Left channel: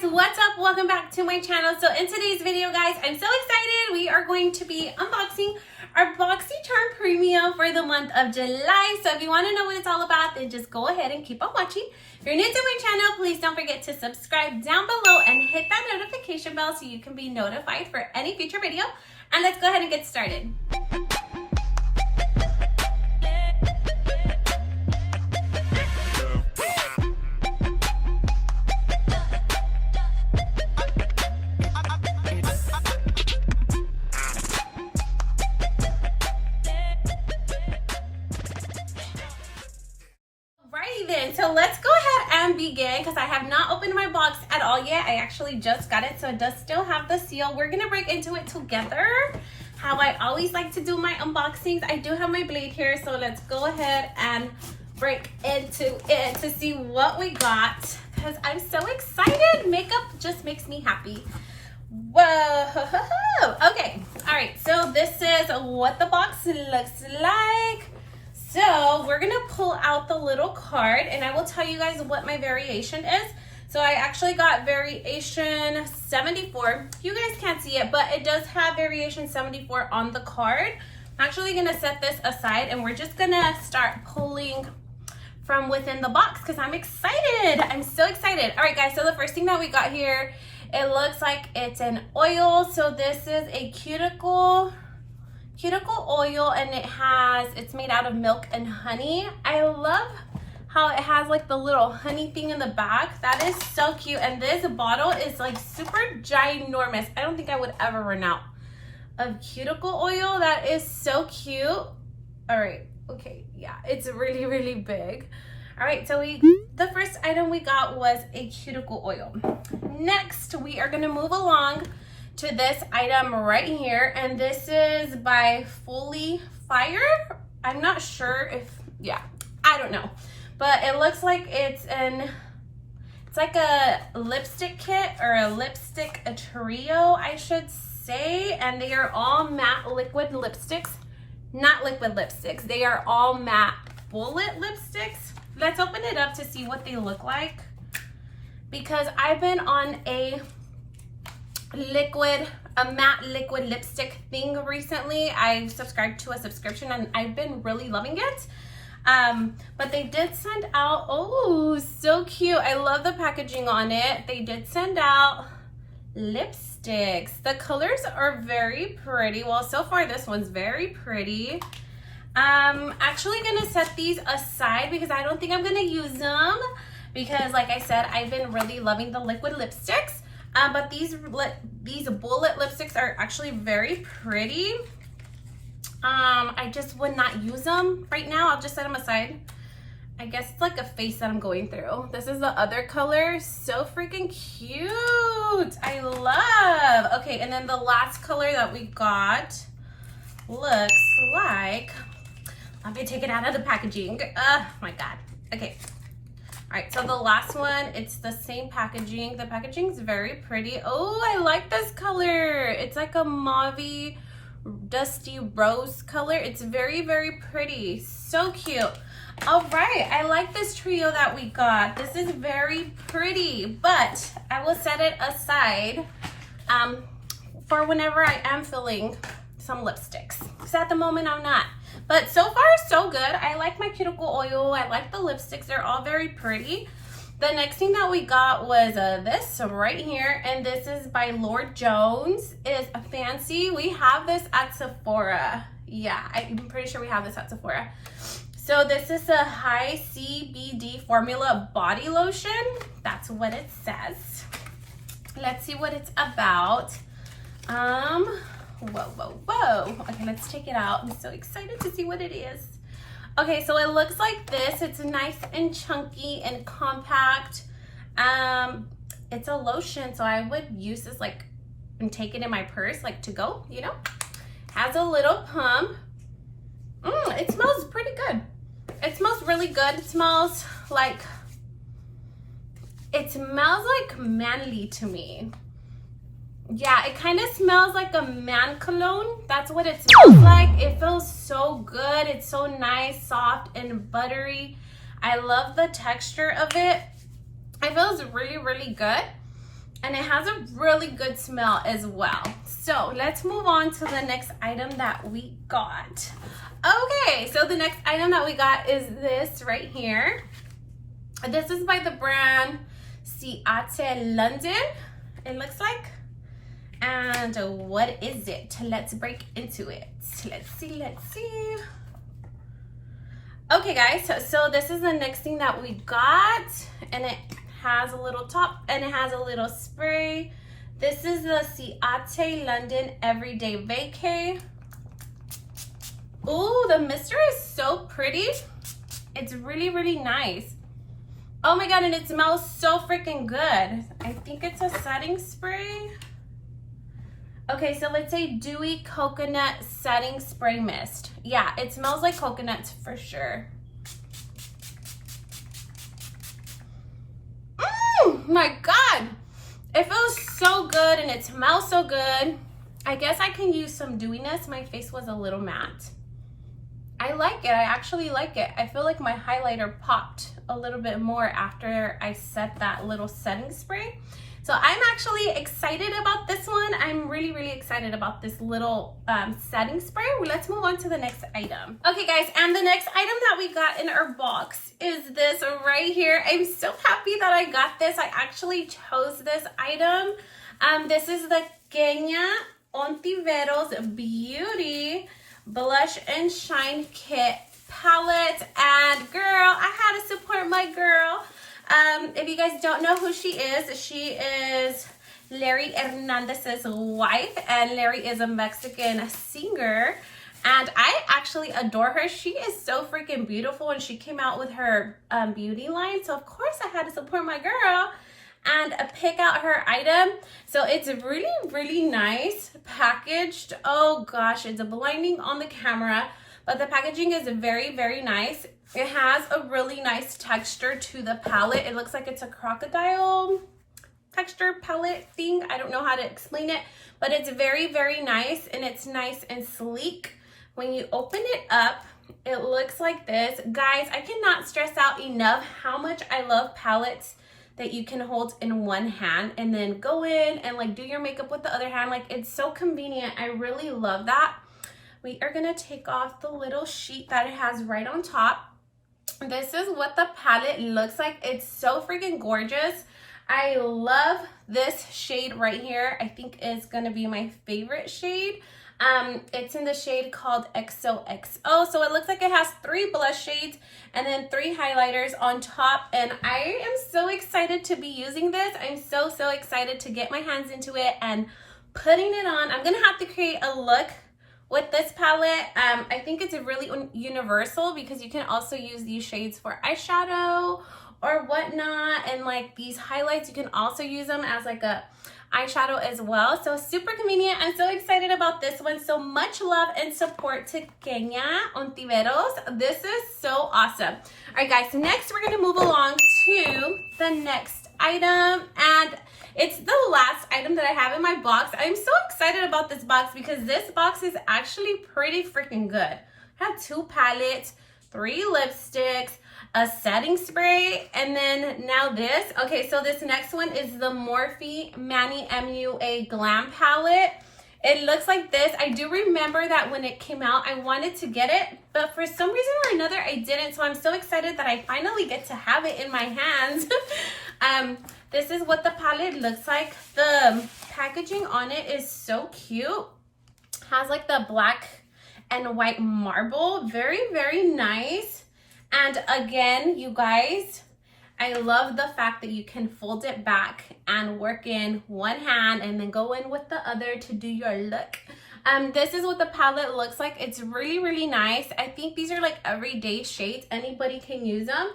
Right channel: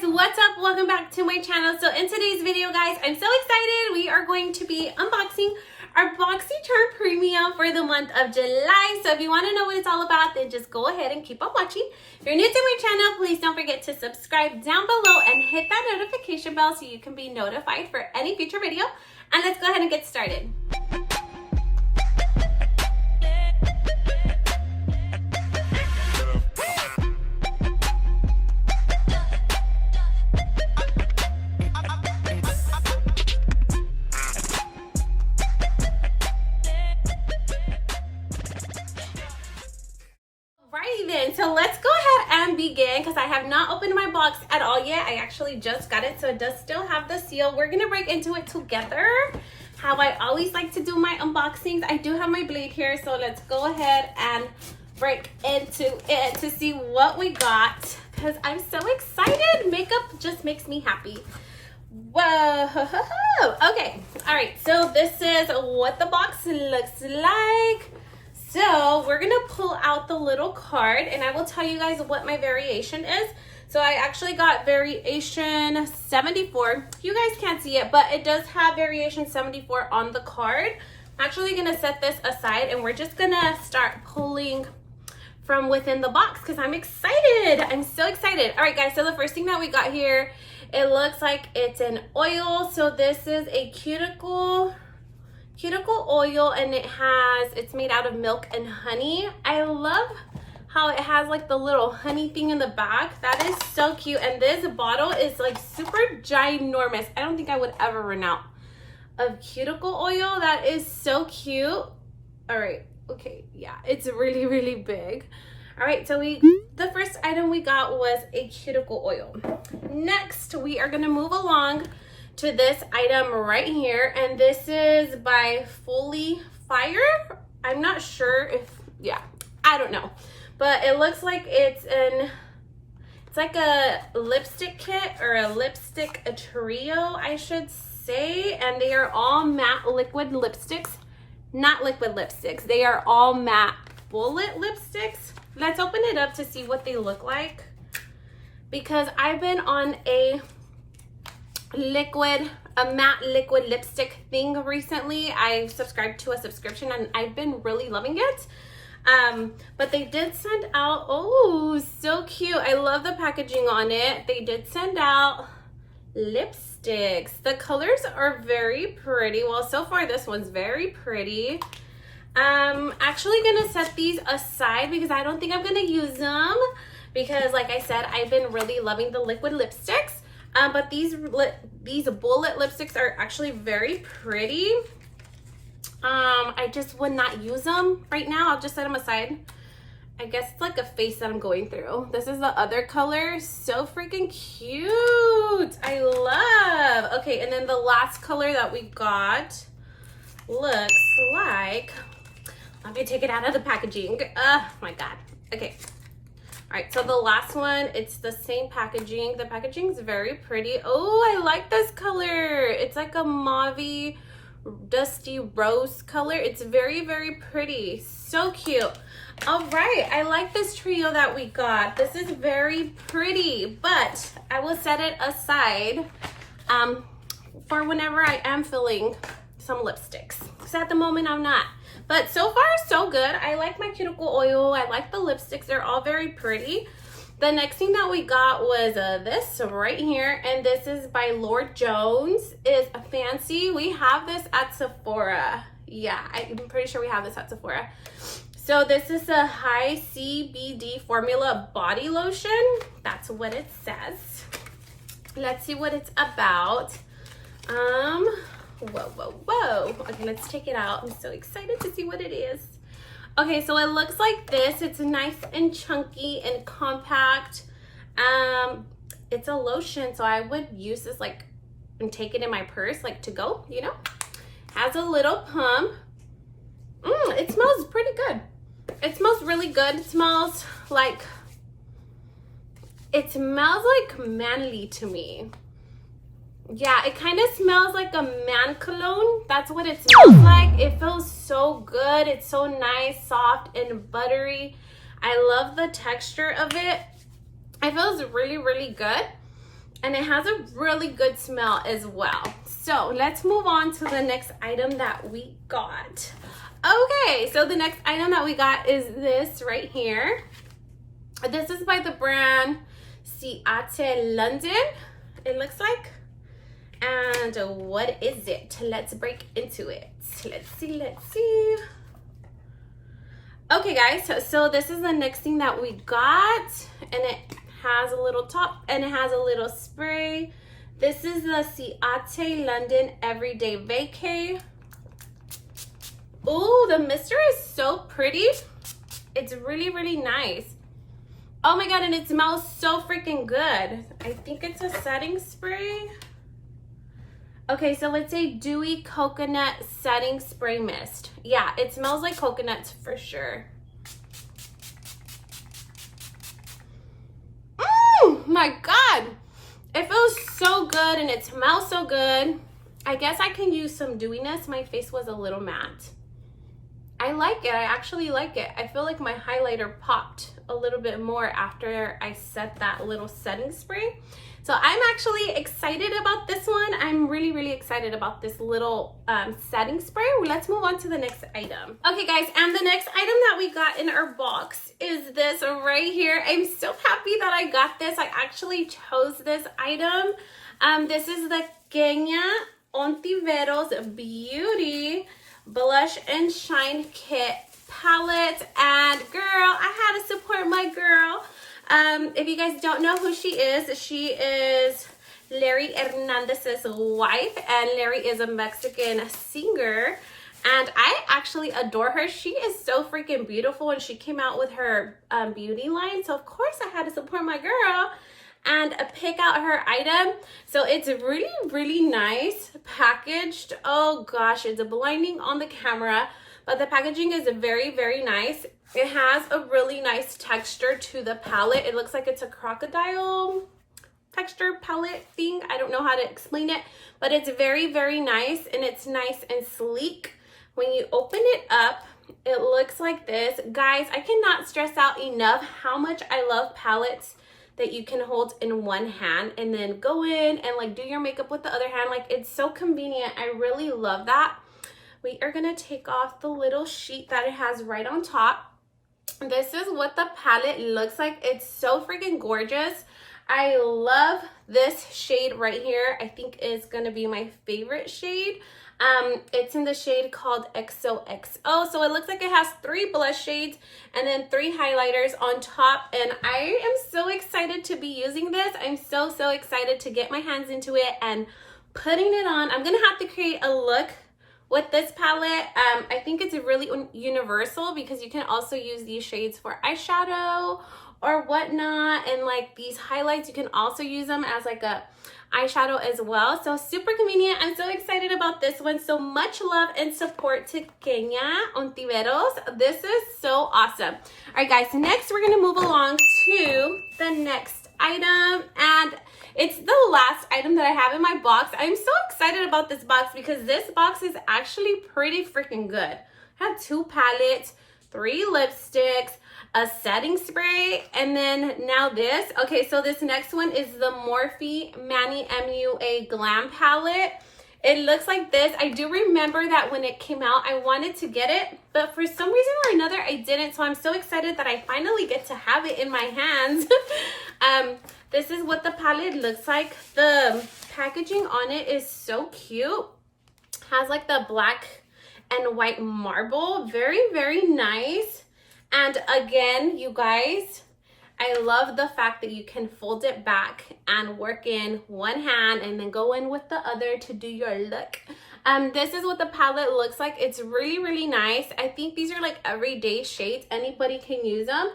guys, what's up? Welcome back to my channel. So in today's video, guys, I'm so excited. We are going to be unboxing our Boxycharm Premium for the month of July. So if you want to know what it's all about, then just go ahead and keep on watching. If you're new to my channel, please don't forget to subscribe down below and hit that notification bell so you can be notified for any future video. And let's go ahead and get started. So let's go ahead and begin because I have not opened my box at all yet. I actually just got it, so it does still have the seal. We're gonna break into it together, how I always like to do my unboxings. I do have my blade here, so let's go ahead and break into it to see what we got because I'm so excited. Makeup just makes me happy. Whoa. Okay, all right, so this is what the box looks like. So we're gonna pull out the little card and I will tell you guys what my variation is. So I actually got variation 74. You guys can't see it, but it does have variation 74 on the card. I'm actually gonna set this aside and we're just gonna start pulling from within the box because I'm excited. I'm so excited. All right, guys, so the first thing that we got here, it looks like it's an oil. So this is a cuticle oil and it's made out of milk and honey. I love how it has like the little honey thing in the back. That is so cute. And this bottle is like super ginormous. I don't think I would ever run out of cuticle oil. That is so cute. All right, okay, yeah, it's really, really big. All right, so the first item we got was a cuticle oil. Next, we are gonna move along to this item right here, and this is by Fully Fire. I'm not sure if, yeah, I don't know, but it looks like it's like a lipstick kit or a trio, I should say, and they are all matte liquid lipsticks. Not liquid lipsticks, they are all matte bullet lipsticks. Let's open it up to see what they look like because I've been on a matte liquid lipstick thing recently. I've subscribed to a subscription and I've been really loving it. But they did send out, oh, so cute. I love the packaging on it. They did send out lipsticks. The colors are very pretty. Well, so far this one's very pretty. Actually gonna set these aside because I don't think I'm gonna use them because like I said, I've been really loving the liquid lipsticks. But these bullet lipsticks are actually very pretty. I just would not use them right now. I'll just set them aside. I guess it's like a phase that I'm going through. This is the other color. So freaking cute. I love. Okay, and then the last color that we got looks like, let me take it out of the packaging. Oh my God. Okay. All right, so the last one, it's the same packaging. The packaging is very pretty. Oh, I like this color. It's like a mauve, dusty rose color. It's very, very pretty. So cute. All right, I like this trio that we got. This is very pretty, but I will set it aside for whenever I am filling some lipsticks. Because at the moment, I'm not. But so far, so good. I like my cuticle oil. I like the lipsticks. They're all very pretty. The next thing that we got was this right here. And this is by Lord Jones. It's fancy. We have this at Sephora. Yeah, I'm pretty sure we have this at Sephora. So this is a high CBD formula body lotion. That's what it says. Let's see what it's about. Whoa. Okay, let's take it out. I'm so excited to see what it is. Okay, so it looks like this. It's nice and chunky and compact. It's a lotion, so I would use this like and take it in my purse, like to go, you know? Has a little pump. It smells pretty good. It smells really good. It smells like manly to me. Yeah, it kind of smells like a man cologne. That's what it smells like. It feels so good. It's so nice, soft, and buttery. I love the texture of it. It feels really, really good. and it has a really good smell as well. So let's move on to the next item that we got. Okay, so the next item that we got is this right here. This is by the brand Cuticle London, it looks like. And what is it? Let's break into it. Let's see. Okay guys, so this is the next thing that we got, and it has a little top and it has a little spray. This is the Cuticle London Everyday Vacay. Ooh, the mister is so pretty. It's really, really nice. Oh my god, and it smells so freaking good. I think it's a setting spray. Okay, so let's say Dewy Coconut Setting Spray Mist. Yeah, it smells like coconuts for sure. My god, it feels so good and it smells so good. I guess I can use some dewiness. My face was a little matte. I like it. I actually like it. I feel like my highlighter popped a little bit more after I set that little setting spray. So I'm actually excited about this one. I'm really, really excited about this little setting spray. Let's move on to the next item. Okay guys, and the next item that we got in our box is this right here. I'm so happy that I got this. I actually chose this item. This is the Kenya Ontiveros Beauty Blush and Shine Kit palette. And girl, I had to support my girl. If you guys don't know who she is Larry Hernandez's wife, and Larry is a Mexican singer, and I actually adore her. She is so freaking beautiful, and she came out with her beauty line, so of course I had to support my girl and pick out her item. So it's really, really nice packaged. Oh gosh, it's blinding on the camera, but the packaging is very, very nice. It has a really nice texture to the palette. It looks like it's a crocodile texture palette thing. I don't know how to explain it, but it's very, very nice, and it's nice and sleek. When you open it up, it looks like this. Guys, I cannot stress out enough how much I love palettes that you can hold in one hand and then go in and like do your makeup with the other hand. Like, it's so convenient. I really love that. We are gonna take off the little sheet that it has right on top. This is what the palette looks like. It's so freaking gorgeous. I love this shade right here. I think is gonna be my favorite shade. It's in the shade called XOXO. So it looks like it has 3 blush shades and then 3 highlighters on top. And I am so excited to be using this. I'm so excited to get my hands into it and putting it on. I'm gonna have to create a look with this palette. I think it's really universal because you can also use these shades for eyeshadow or whatnot, and like these highlights, you can also use them as like a eyeshadow as well. So super convenient. I'm so excited about this one. So much love and support to Kenya Ontiveros. This is so awesome. All right guys, next we're gonna move along to the next item, and it's the last item that I have in my box. I'm so excited about this box because this box is actually pretty freaking good. I have 2 palettes, 3 lipsticks, a setting spray, and then now this. Okay, so this next one is the Morphe Manny MUA Glam palette. It looks like this. I do remember that when it came out, I wanted to get it, but for some reason or another, I didn't. So I'm so excited that I finally get to have it in my hands. This is what the palette looks like. The packaging on it is so cute. Has like the black and white marble. Very, very nice. And again, you guys, I love the fact that you can fold it back and work in one hand and then go in with the other to do your look. This is what the palette looks like. It's really, really nice. I think these are like everyday shades. Anybody can use them.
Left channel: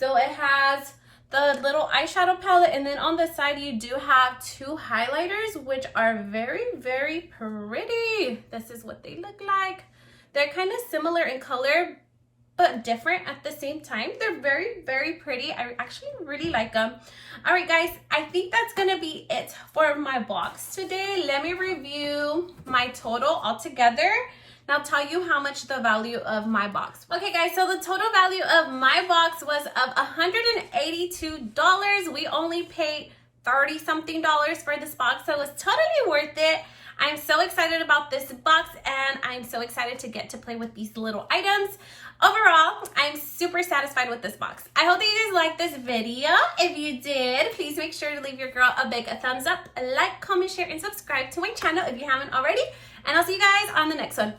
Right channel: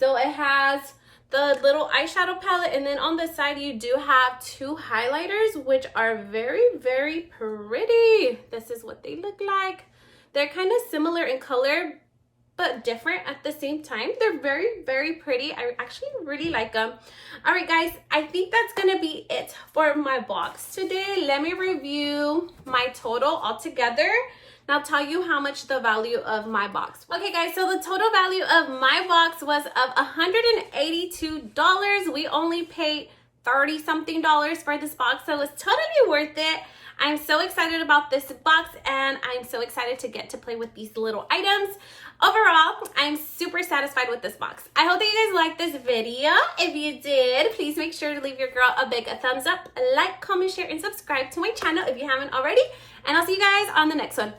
So it has the little eyeshadow palette, and then on the side you do have 2 highlighters, which are very, very pretty. This is what they look like. They're kind of similar in color, but different at the same time. They're very, very pretty. I actually really like them. All right, guys, I think that's gonna be it for my box today. Let me review my total altogether. And I'll tell you how much the value of my box was. Okay, guys, so the total value of my box was of $182. We only paid 30 something for this box, so it was totally worth it. I'm so excited about this box, and I'm so excited to get to play with these little items. Overall, I'm super satisfied with this box. I hope that you guys liked this video. If you did, please make sure to leave your girl a big thumbs up, like, comment, share, and subscribe to my channel if you haven't already. And I'll see you guys on the next one.